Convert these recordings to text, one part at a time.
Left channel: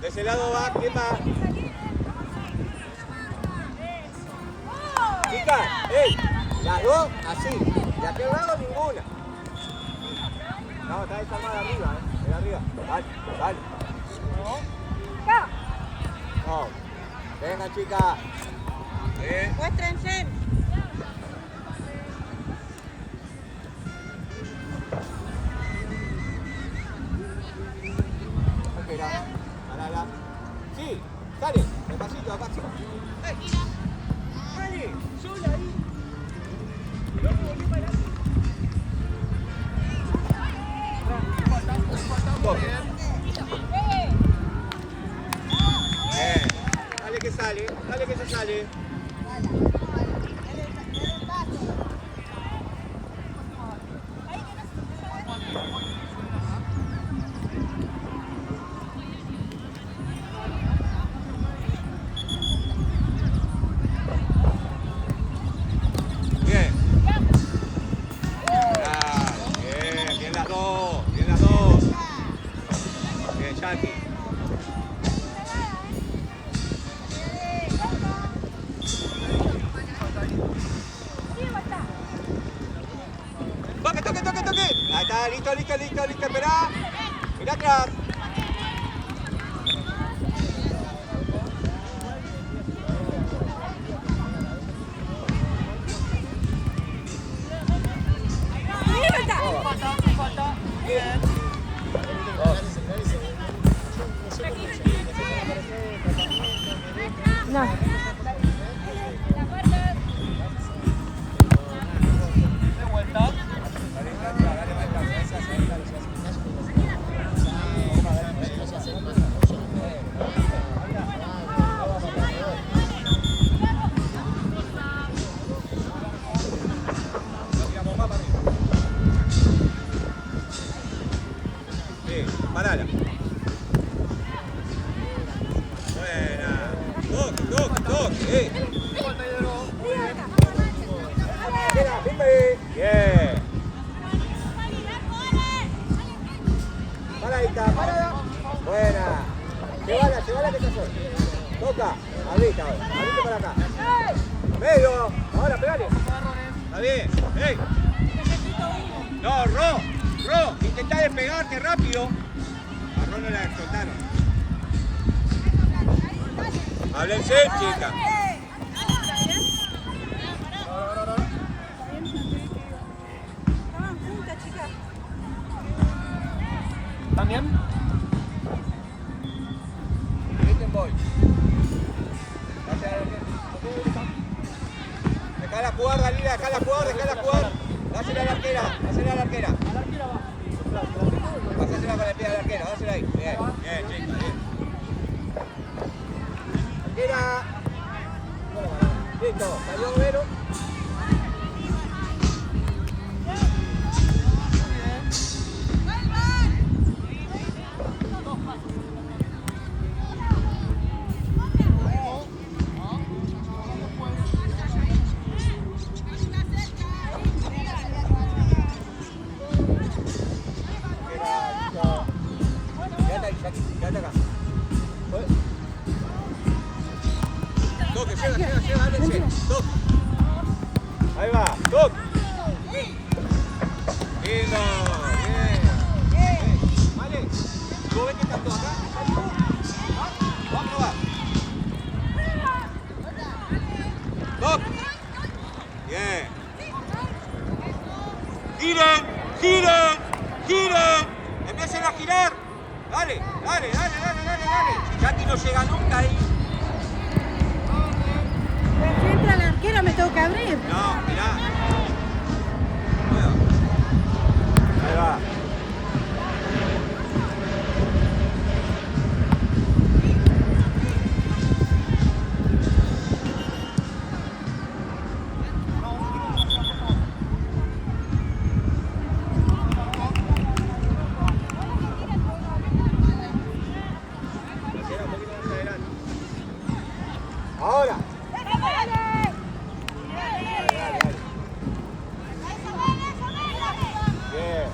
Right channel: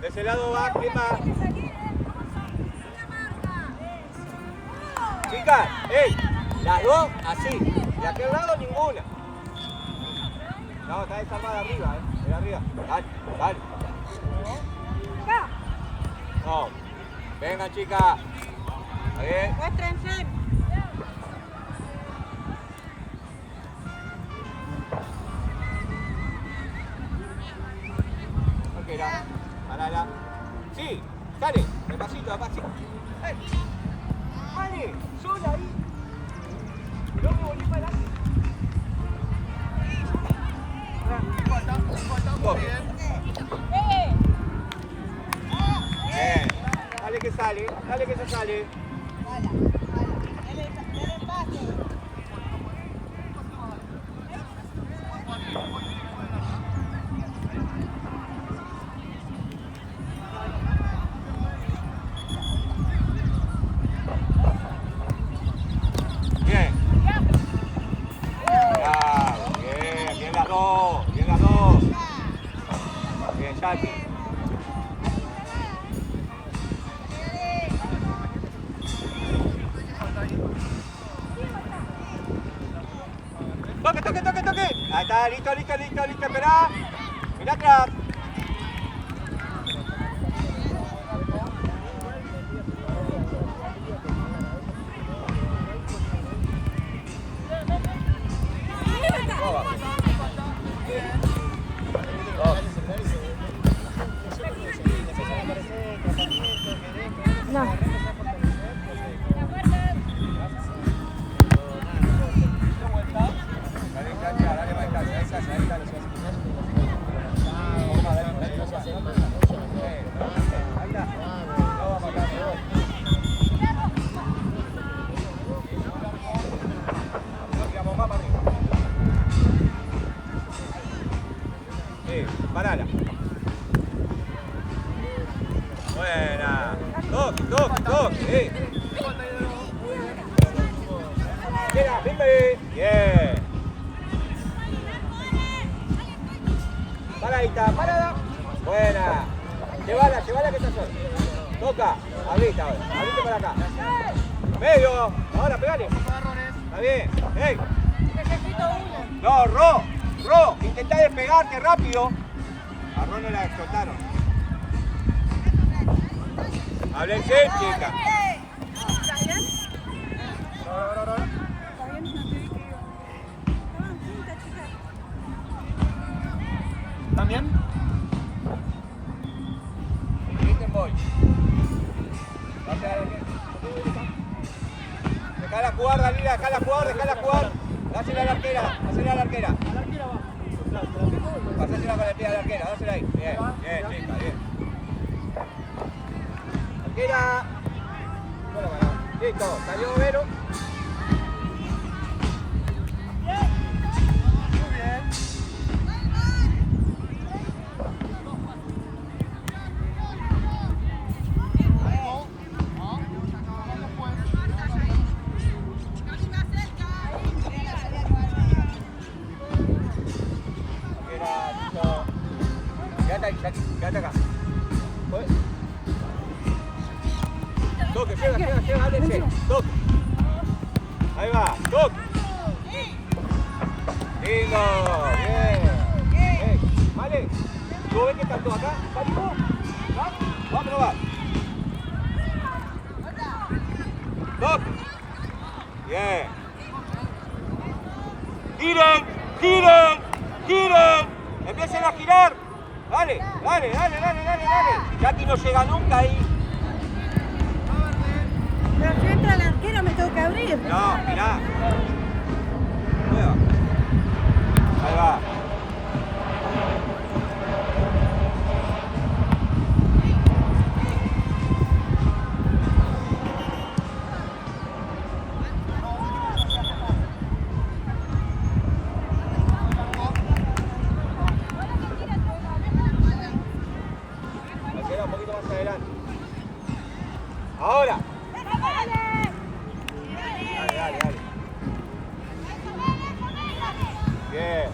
De ese lado va, ¿quién va? Chicas, las dos así. De aquel lado ninguna. No, está desarmada arriba, de arriba. Vale. No. Venga, chicas. Muéstrense. Parala. Sí, dale, despacito. Dale, sola ahí. Falta muy bien. Dale que se sale. Toque. Ahí está, listo, esperá. Mirá atrás. No. Parada. Buena. Llévala que está sola. Toca. Ahorita para acá. Medio. Ahora, pegale. Está bien. ¡Ey! Necesito uno. No, Ro. Intentá despegarte rápido. A Ro no la explotaron. Háblense, chica. ¿Estás bien? No. Está bien, no te vi que iba. Estaban juntas, chicas. ¿Están bien? Dejá la jugar, Dalila, dejá la jugar. Dásela a la arquera. A la arquera va. Ostras, ¿te la tengo? Dásela con el pie a la arquera, dásela ahí. Ahí va. Bien. Arquera. Listo, salió Vero. Muy bien. Quédate acá. Toque, llega, Alex. Toque. Ahí va, toque. Lindo. Bien. Vale. ¿Tú ves que están todos acá? Vamos a probar. Toque. Bien. Giren. Empiecen a girar. Dale. Jackie no llega nunca ahí. Pero si entra el arquero me tengo que abrir. No, mirá. Ahí va. Ahora. Dale. Bien.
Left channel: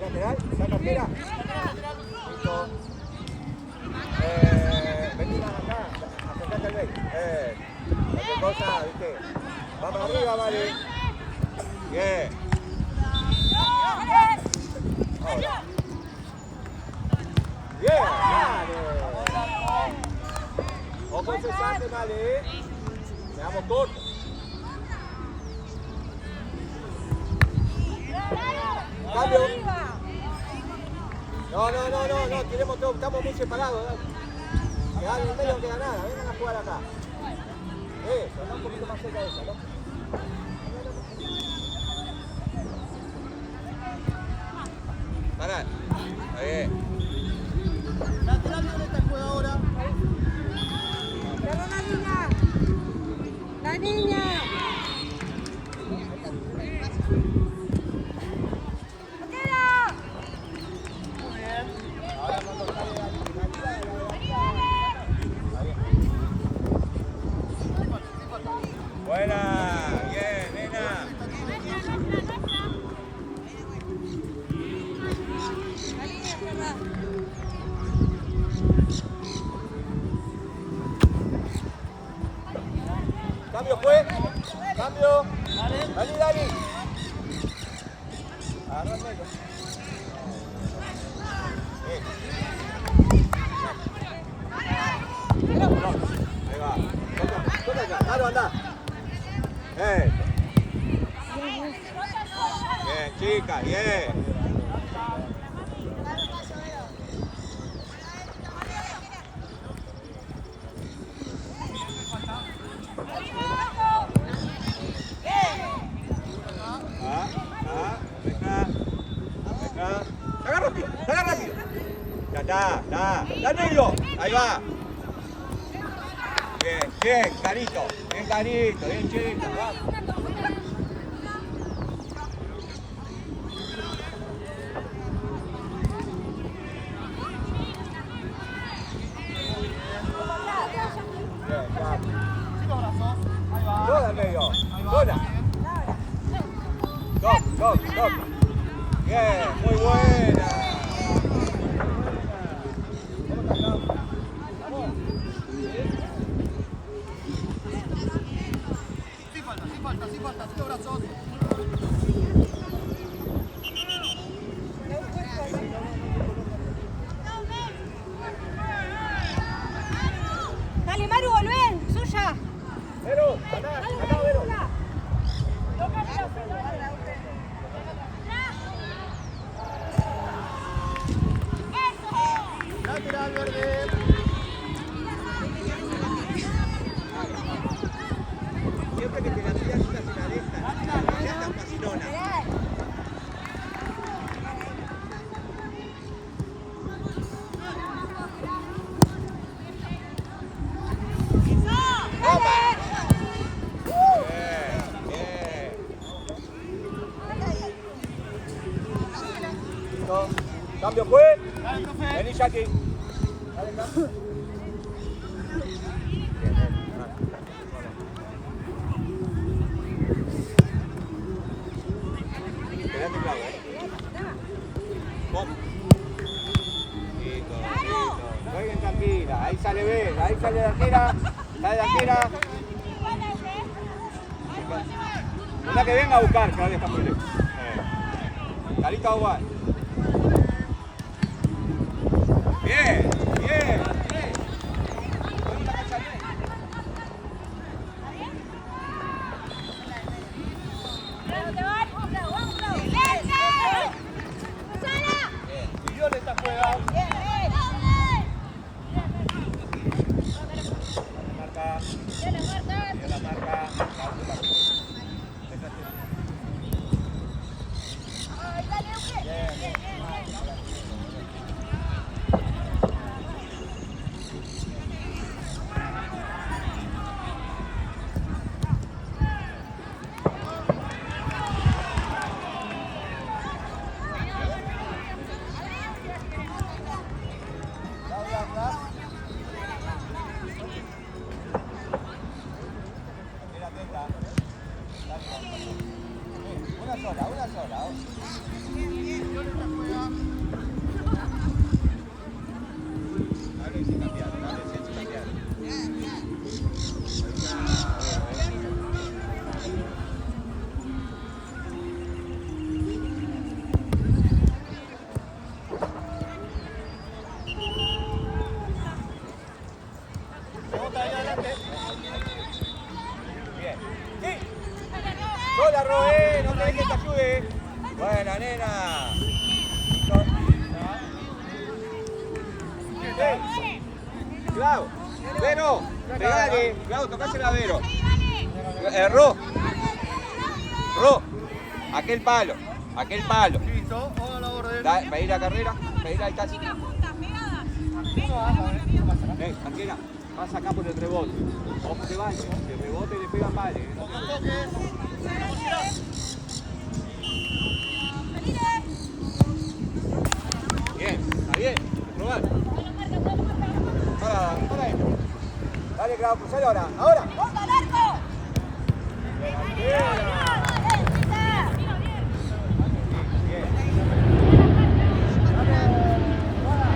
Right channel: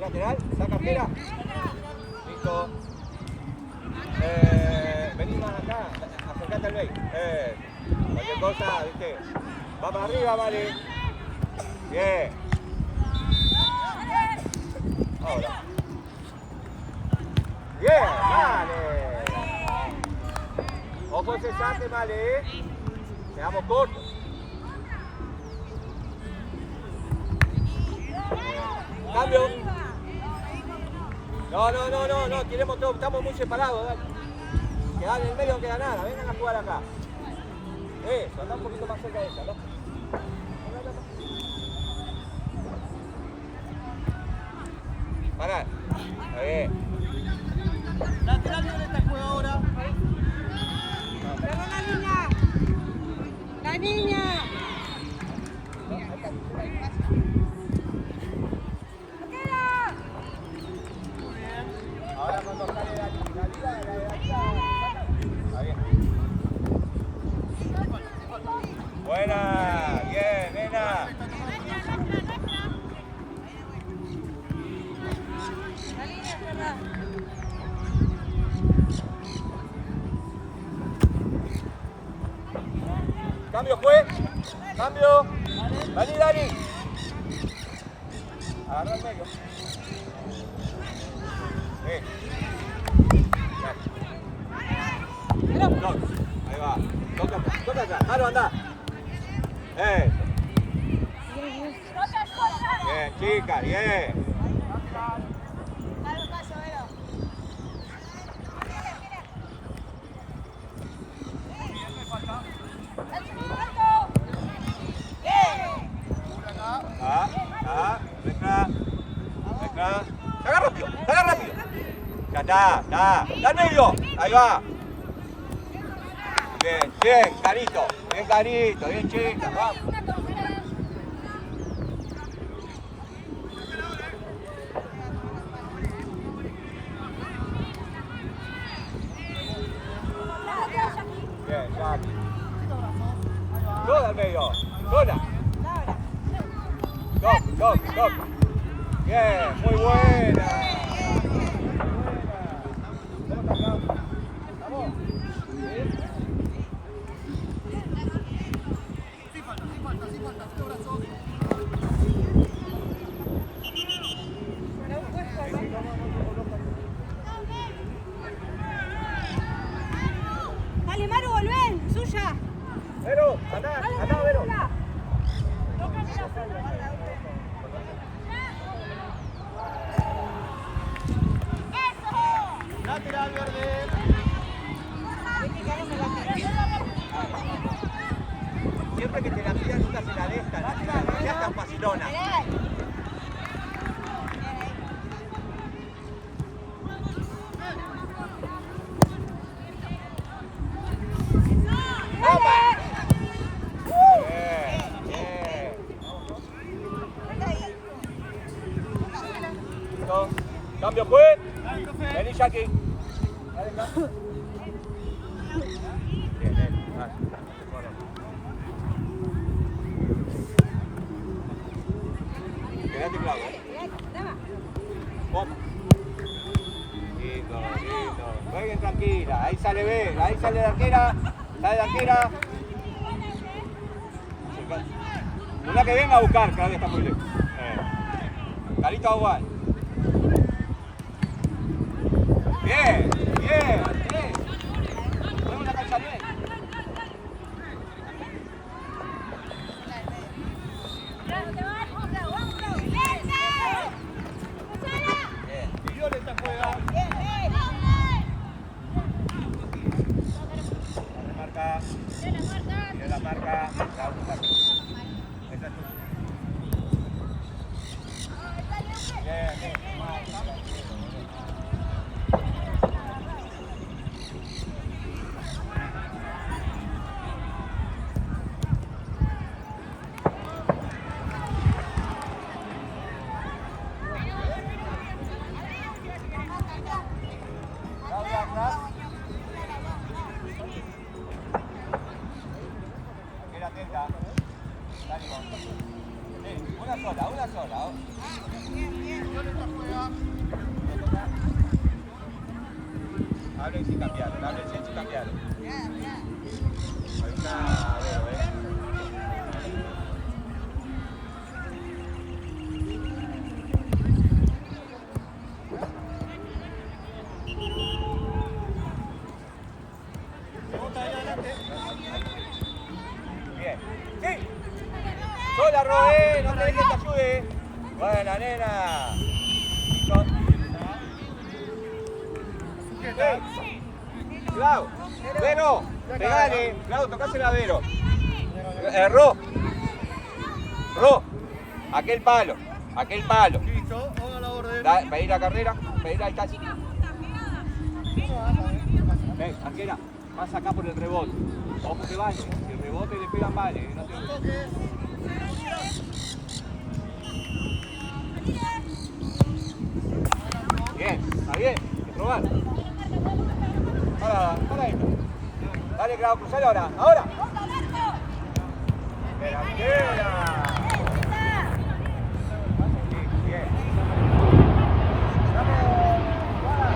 Lateral, saca afuera. Listo. Vení acá, acercate al ley. Cualquier cosa, viste. Vamos arriba, vale. Bien. Bien, vale. Ojo cesante, vale. Quedamos cortos. Cambio. No, queremos que estamos muy separados. Quedar en el medio no queda nada, vengan a jugar acá. Eso, anda un poquito más cerca de esa, ¿no? Pará, está bien. Lateral derecha el juego ahora. La niña. Buena, bien, nena. Cambio, fue. Cambio. Dani. Agarra el medio. Ahí va. Toca acá. Dale, anda. Bien, chica, bien. Agárrate. Ya está. Da medio. Ahí va. Bien, clarito. Bien, chica. Toda al medio. Bola. Go. Bien, muy buena. Sí falta, brazos. Dale, Maru, volvé, suya. Pero, andá. Andá, Vero. Siempre que te la miras, una te la deja. No seas tan facilona. Cambio fue. Vení, Jackie. Quédate claro, Jueguen tranquila, ahí sale B, ahí sale de arquera, sale de arquera. Una que venga a buscar, que vale papeles. Carita Aguar. Bien, bien. Tiene la marca, la última. Esa es tu. Bien. ¡Sí! ¡Sola, Robé! ¡No te ayude! Buena, nena. Cuidado. Vero. Pegale. Cuidado, tocásela a Vero. Ro. Aquel palo. Listo, vamos a la orden. Pedí la carrera. Pedí la casi. No pasa nada. Tranquila. Vas acá por el rebote. Vamos que vaya. El rebote le pega al vale. Pocos toques. Vamos a tirar. Bien. Probar. Dale, Grau, cruzale ahora. ¡Ahora! ¡Delantera! Bien. ¡Vamos! ¡Guada!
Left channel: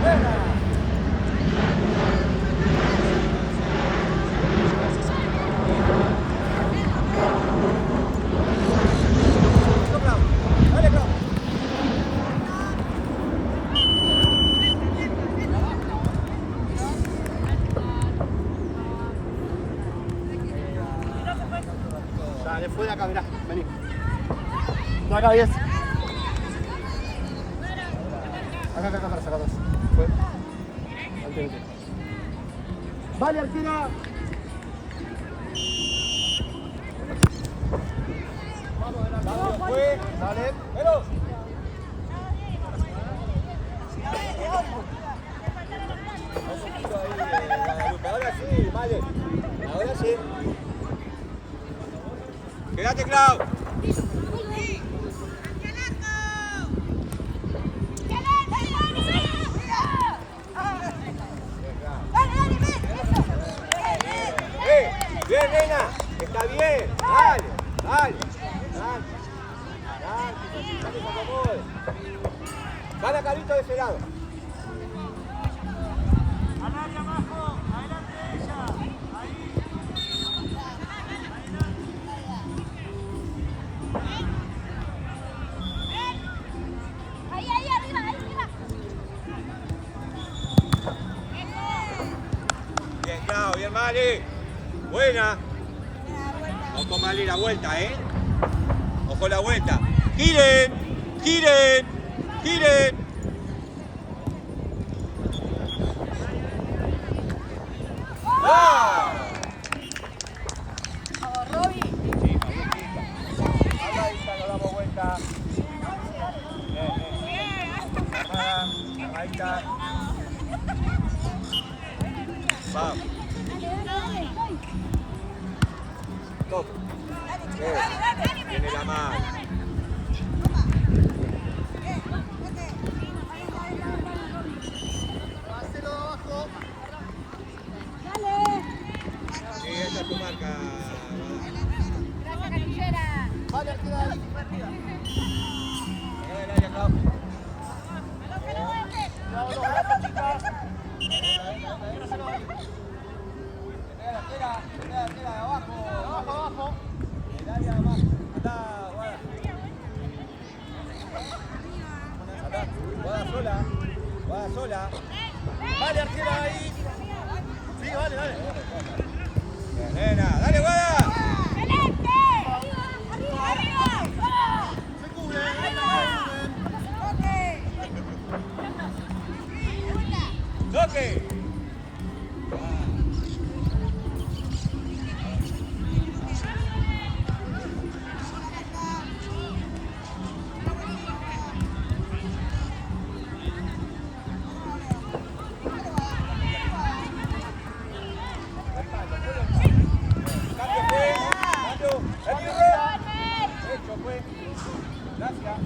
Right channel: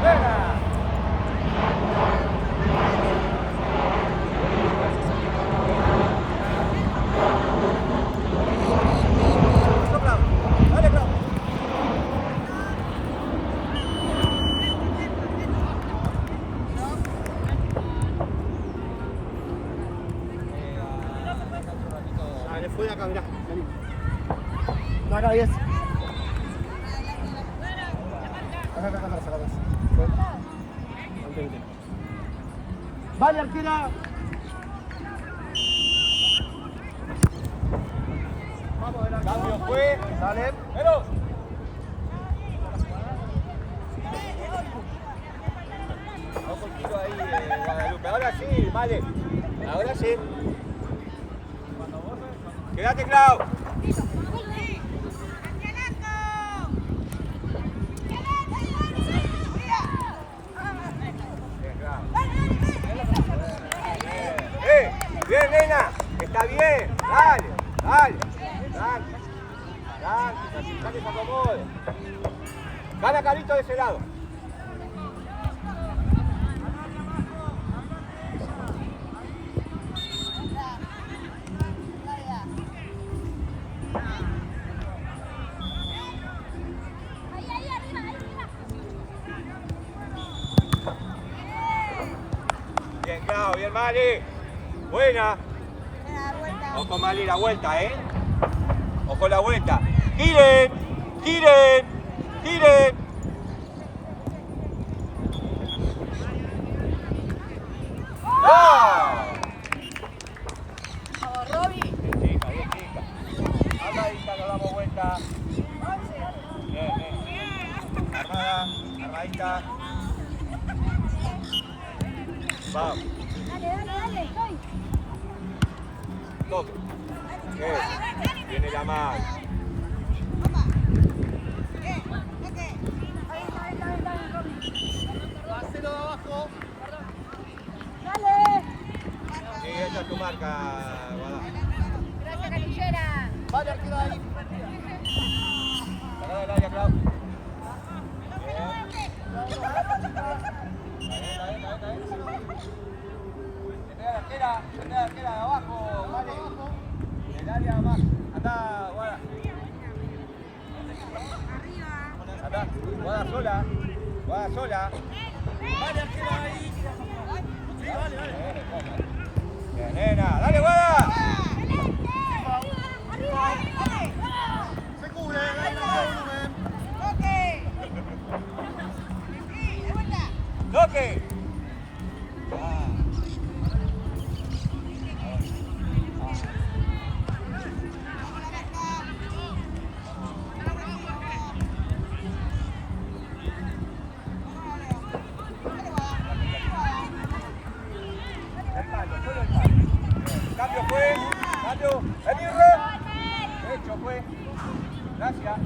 ¡Buena! Dale, fue de acá, mirá, vení. No, acá, 10. Acá, atrás. Fue. Ante. Vale, arquera. Vamos, de la cambio, fue. Dale. Pero. Un poquito ahí, Guadalupe. Ahora sí, vale. Ahora sí. Quédate, Clau. Bien, nena. Está bien. Dale. Tranquila, que se acomode. Gana Carito de ese lado. Bien, Clau, bien. Mali. Buena. Ojo, Mali, la vuelta, Ojo la vuelta. ¡Giren! ¡Giren! ¡Giren! ¡Ah! Vamos, Roby. Sí, damos vuelta. Bien. Ahí está. Vamos. Dale. Todo. Tiene la mano. Sí, esa es tu marca. Gracias, Canillera. Vale, arriba ahí. Cuidado los brazos, chicas. Queda, abajo. El área más. Andá, Guada. Andá, Guada sola. Vale, arquera ahí. Sí, vale. Bien, nena. Dale, Guada. Se cubre, Toque. Cambio fue. Hecho fue. Gracias.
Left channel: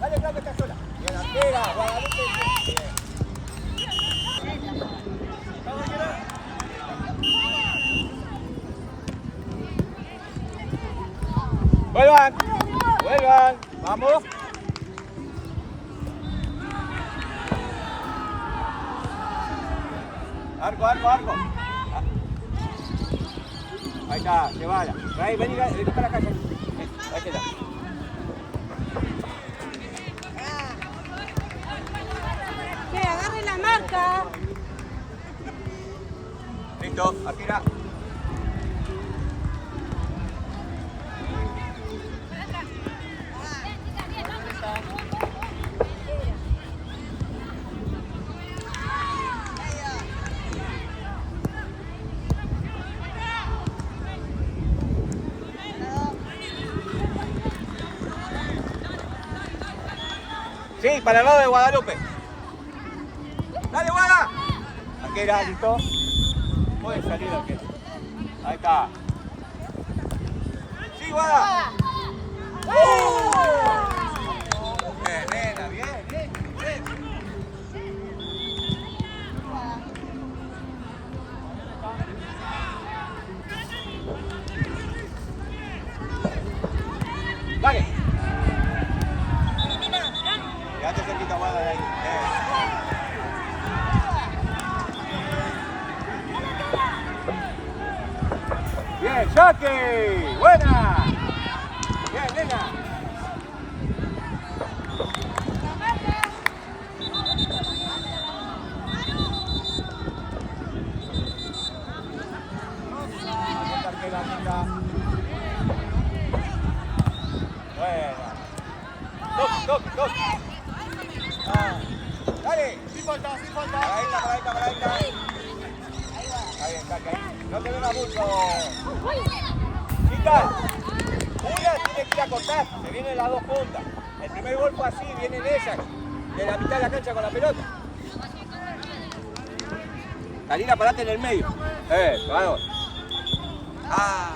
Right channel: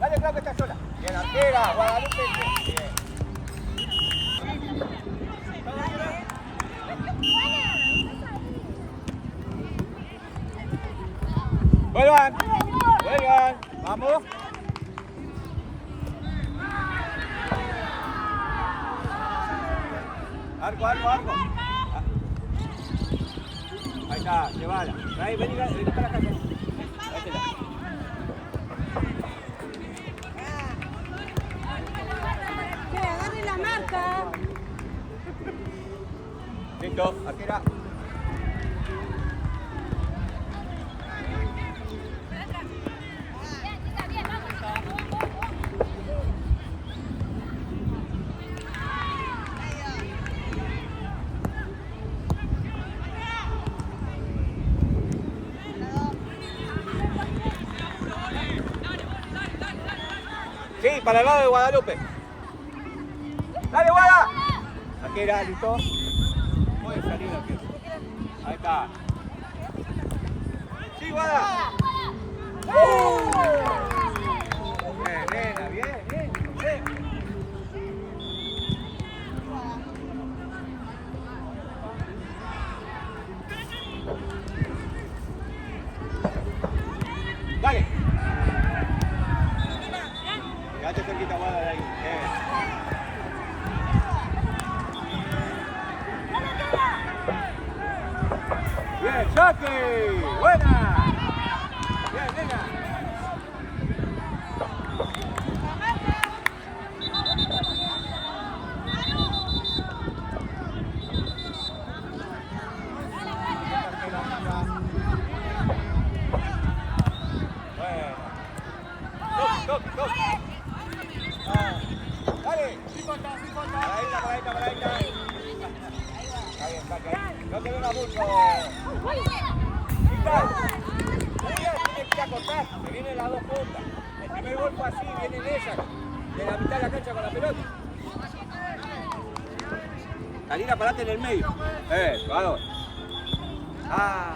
Dale, Clau, que está sola. Bien, arquera, Guadalupe. Bien. Vuelvan, vamos. Arco. Ahí está, llévala. Ahí, vení para acá. Ahí está. Que agarre la marca. Listo, arquera. Sí, para el lado de Guadalupe. ¡Dale, Guada! Arquera, listo. Puede salir arquero. Ahí está. ¡Sí, Guada! Bien, nena, bien, bien, bien. Dale. Quédate cerquita, Guada, de ahí. Bien, Jackie. Buena. Bien, nena. Se vienen las dos puntas. El primer gol fue así, vienen ellas, de la mitad de la cancha con la pelota. Karina, parate en el medio. Claro. Ah.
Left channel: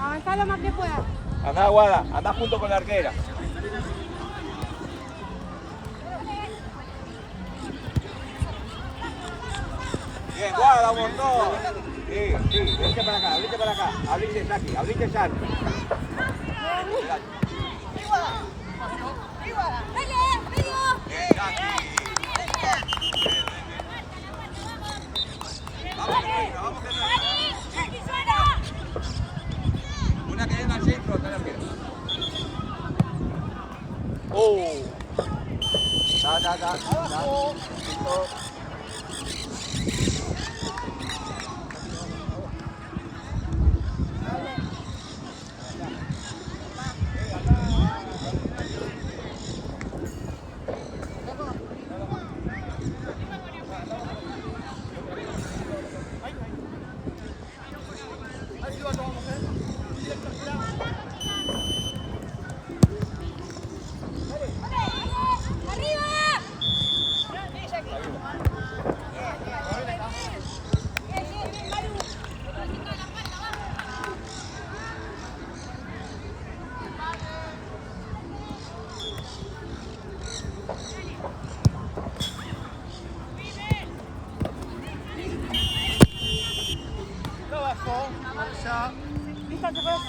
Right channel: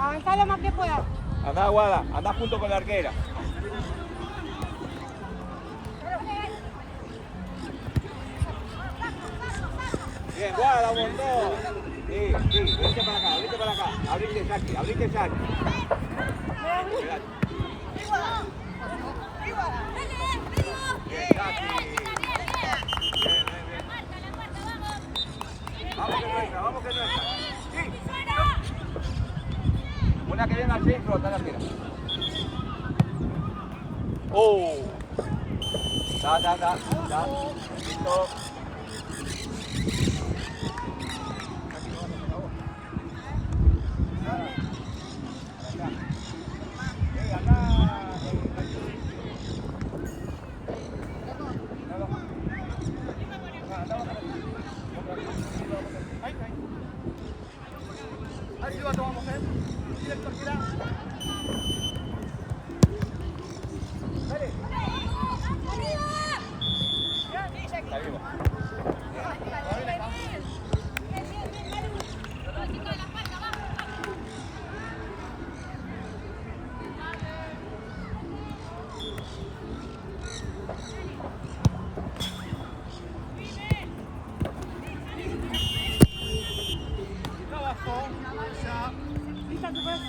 Avanzá lo más que puedas. Ajá, Guada, andá junto con la arquera. Bien, Guada, un montón. Sí, abrite para acá, abrite Saki, abrite Saki. Bien, Saki. Bien. Vamos que no entra. Sí. Una que venga al centro, está la pierna. Da. Listo. Ahí va, tomamos, directo, gira. Dale. Lista, chicos.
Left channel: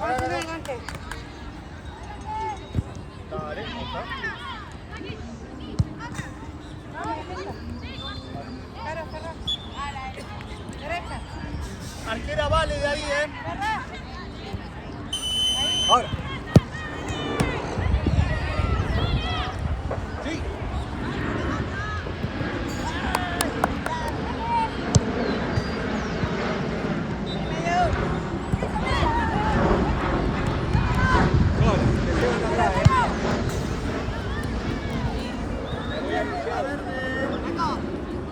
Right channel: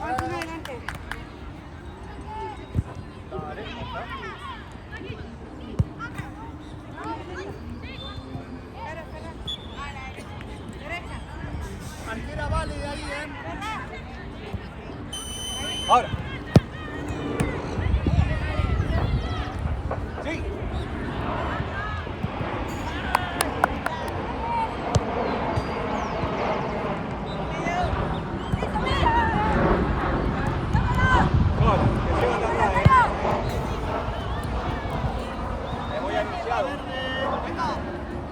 Ahora sí, adelante. Dale, otra. Derecha. Arquera vale de ahí, Ahora. Sí.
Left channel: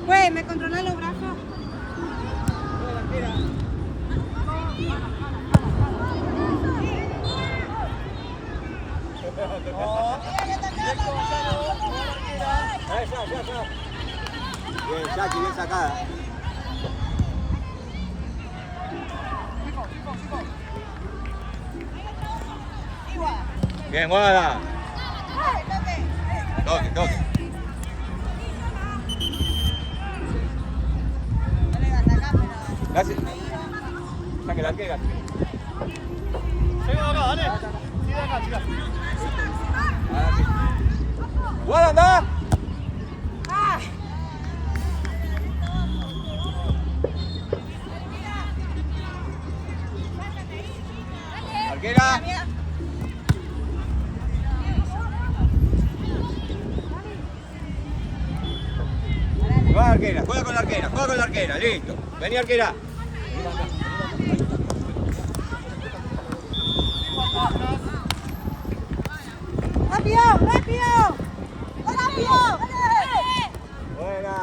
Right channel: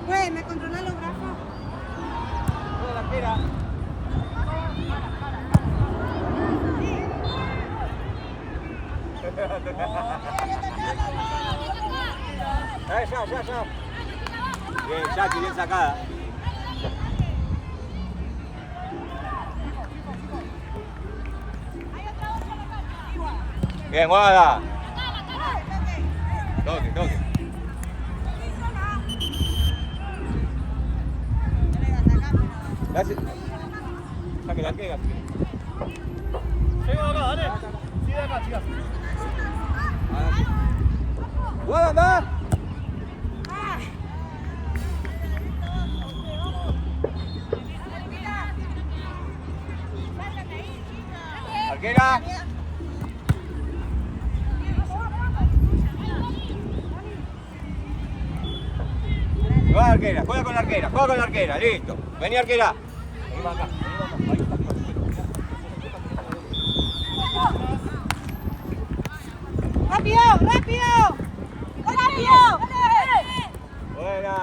Güey, ¿me controlan los brazos? Ya. Bien, Jackie, bien sacada. Bien, Guada. Dos. Gracias. Saque la arquera. Llego acá, dale. Sigue acá, chicas. Guada, anda. Arquera. Juega con la arquera, listo. Vení, arquera. ¡Rápido! ¡Rápido! ¡Rápido! Buena.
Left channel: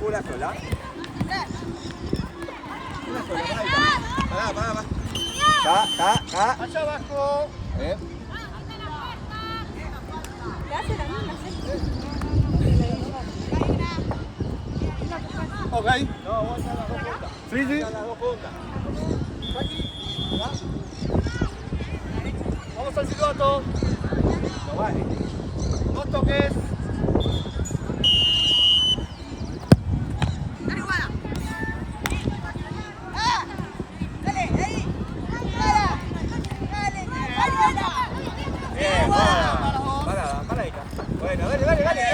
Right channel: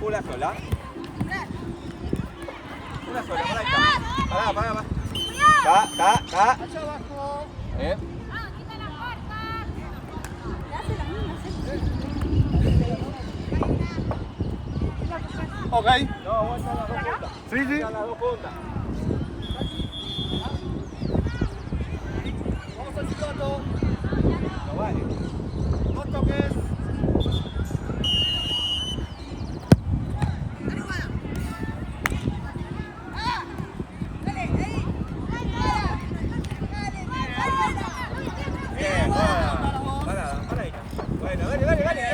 Una sola. Una sola. Va. Allá abajo. Ok. Sí, sí. Vamos al silbato. Vale. No toques. Bien, paradita. Bueno, dale.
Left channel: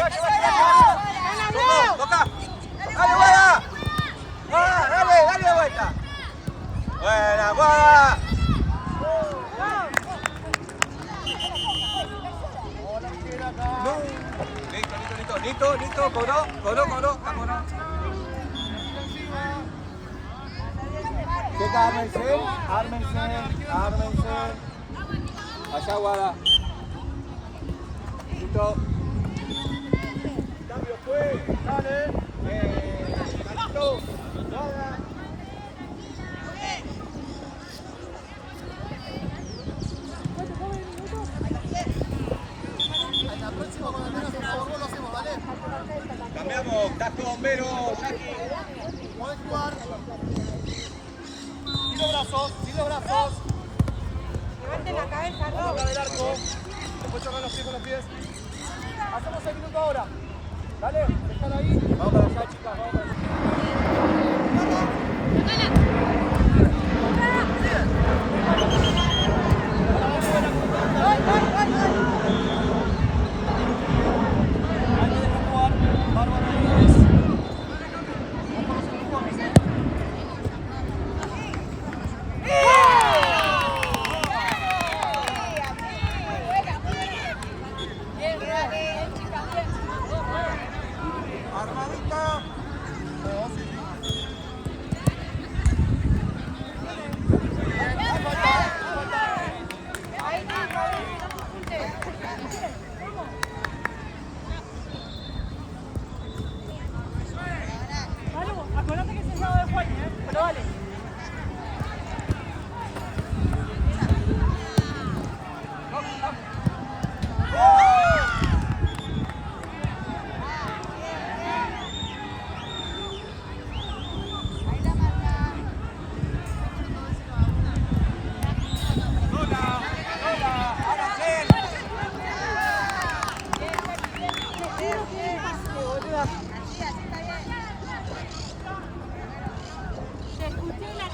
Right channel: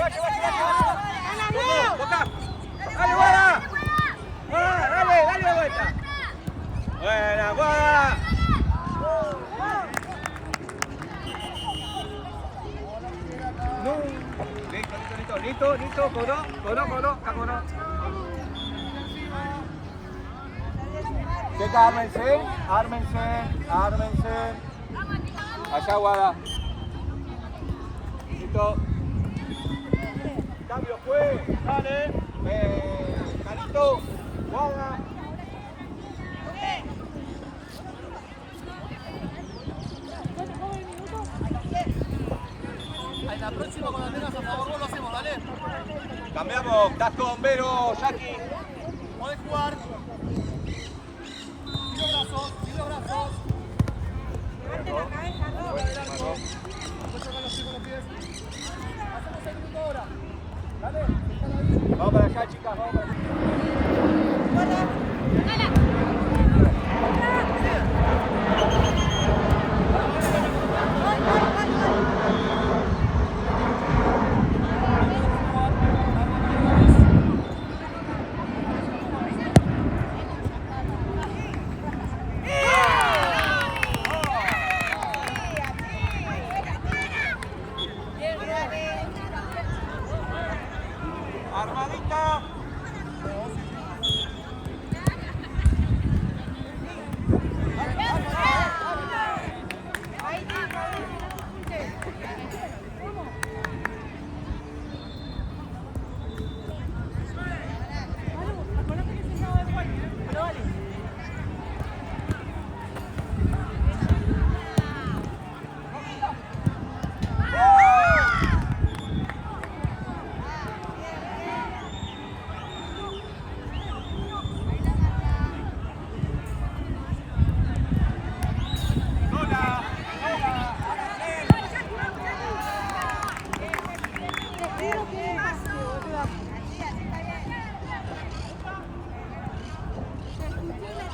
Boca. Dale, buena. Dale vuelta. Buena, guada. Listo. Cobró. Está cobrado. Checa, ármense. Allá, guada. Listo. Cambio fue. Dale. Listo. En la próxima cuando tengas a favor lo hacemos, ¿vale? Cambiamos, estás con Vero, Jackie. Podés jugar. Tiro brazos. Levante la cabeza, Vamos no. a del arco. Después chocan los pies con los pies. Hacemos el minuto ahora. Dale, dejala ahí. Vamos para allá, chicas, vamos para allá. Acuérdate que es un juego de fuerte, pero vale. Te juro que es pase, boludo. Te escuché la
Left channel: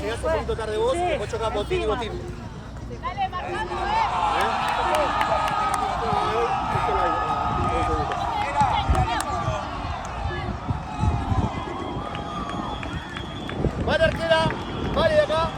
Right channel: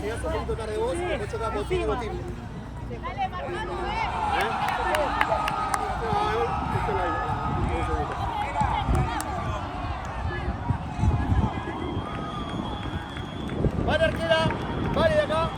Llegás un poquito acá de vos, después chocás botín y botín. Vale, arquera, vale de acá.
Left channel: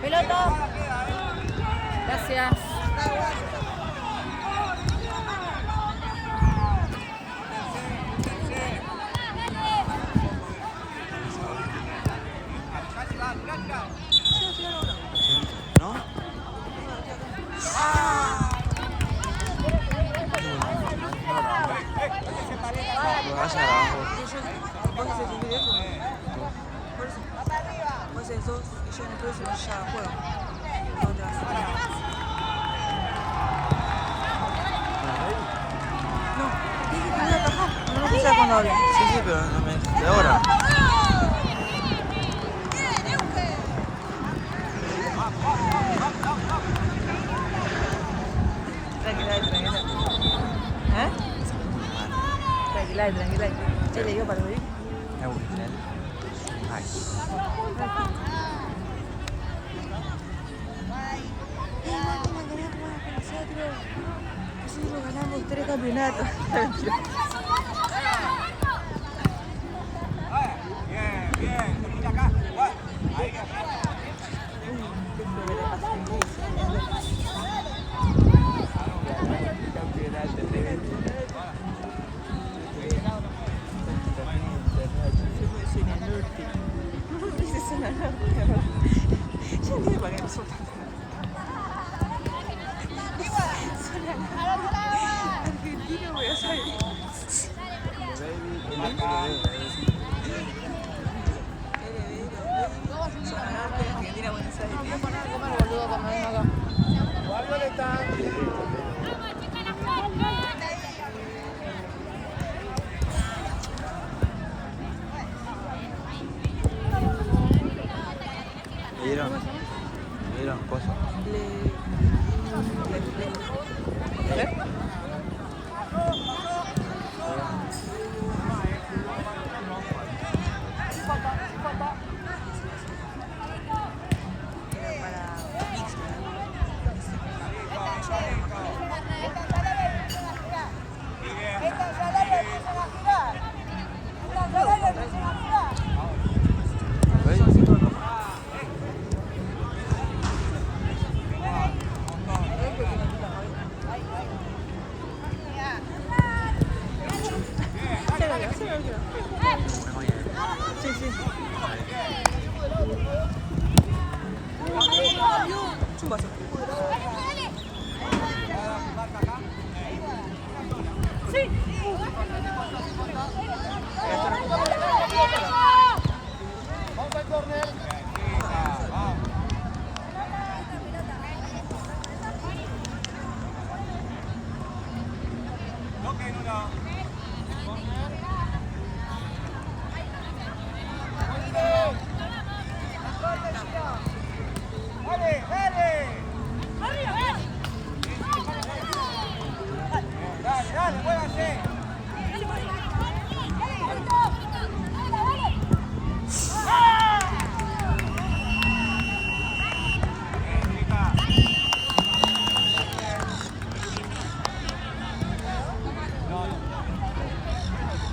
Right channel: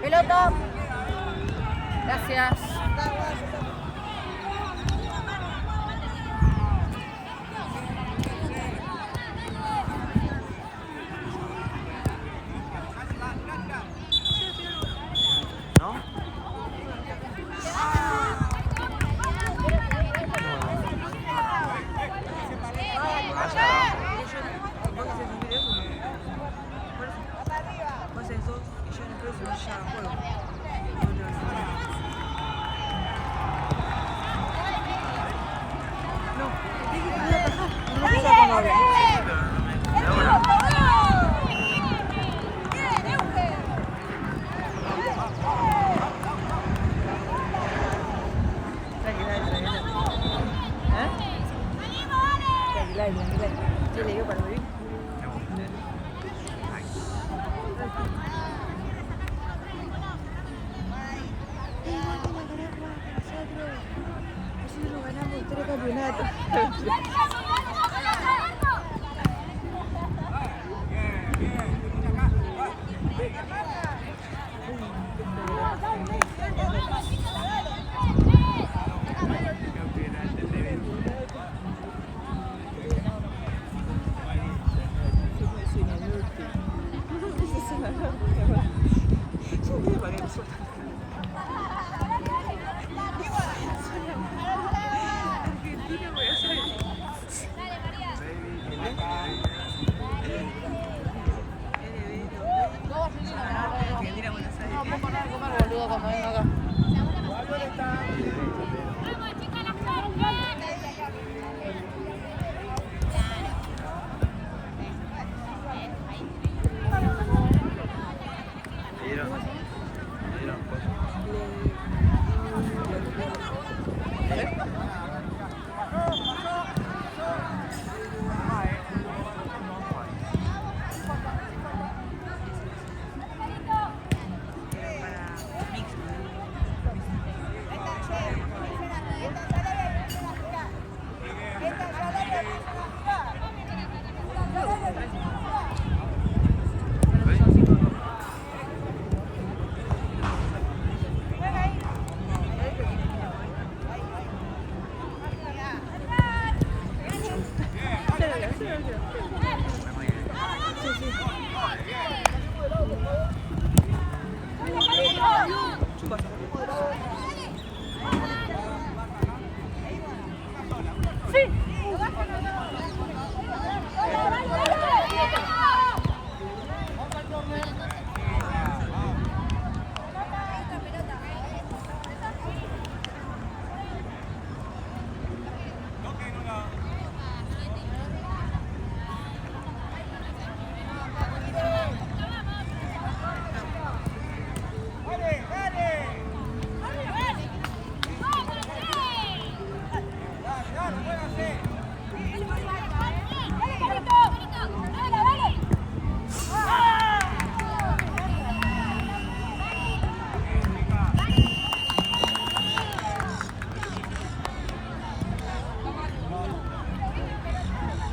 Pelota. Gracias. ¿No? No vas abajo. Sí, pero no me dijiste ahora.